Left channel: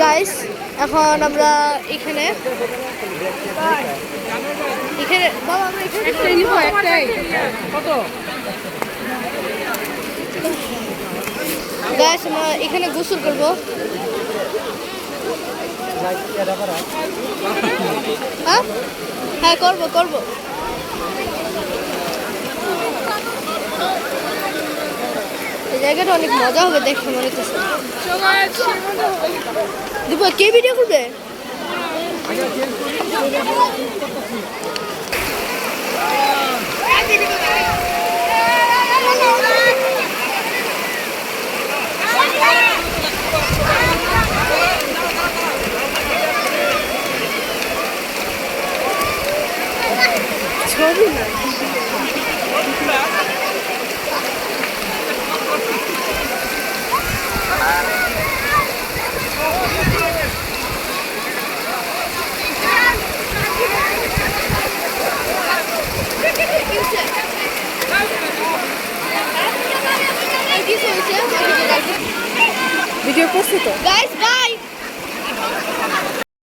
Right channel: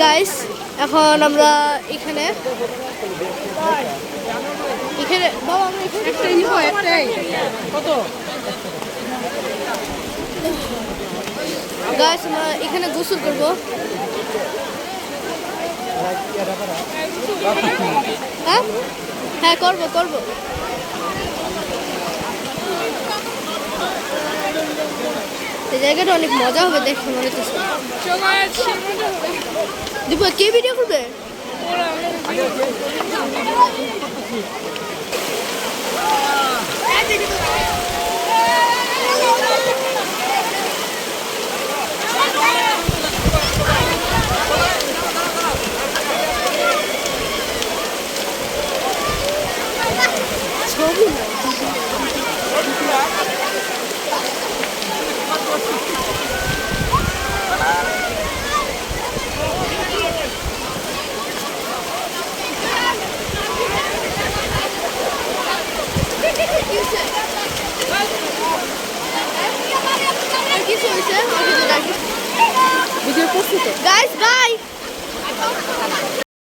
guys এখন আমরা এখানে বাবা আমরা এখানে একটাই কত গাইস আমরা এখানে গোসল করব হ্যাঁ করব এই জায়গাটা অনেক মজা হবে দেখে মনে হচ্ছে দীপা কে ভিডিও করবে ছবি না ভিডিও করছি তো গাইস বাই